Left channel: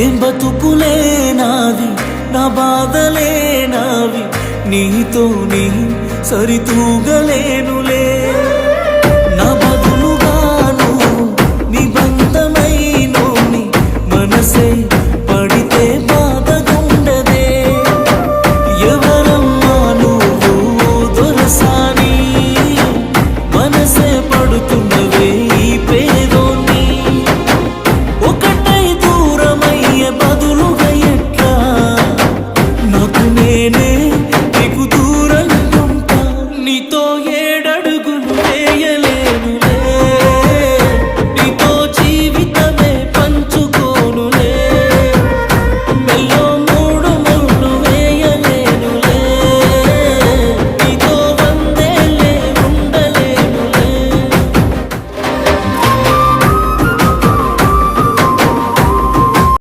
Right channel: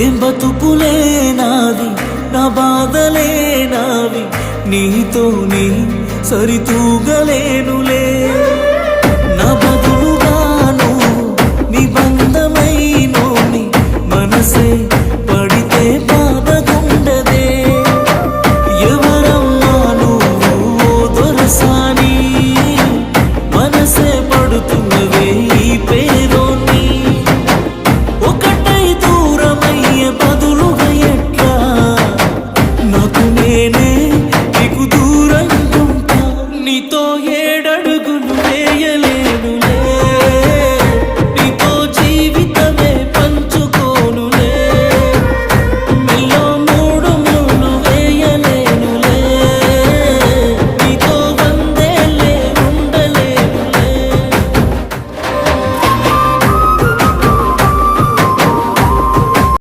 ఏం బతుకులే నావి, నా బాధలే నావి, నీతో నీ సరితూగలేనులే. నా బదులుగా నువ్వు నిబంధమైనోని, మనసే పడితే బాధగుండదే. ఎవరమ్మా నువ్వు ఓ దొరసాని, మనసే పడుతున్నవే ఈ పేదోన్ని. ఒకటై దూరమయ్యే బదులుగా ఎట్లా, నాకు నేనే నీకు దూరంగుంటా. నీతో ఏడడుగులు వేయలేనులే, నీతో జీవితమే పంచుకోనులే. మెల్లో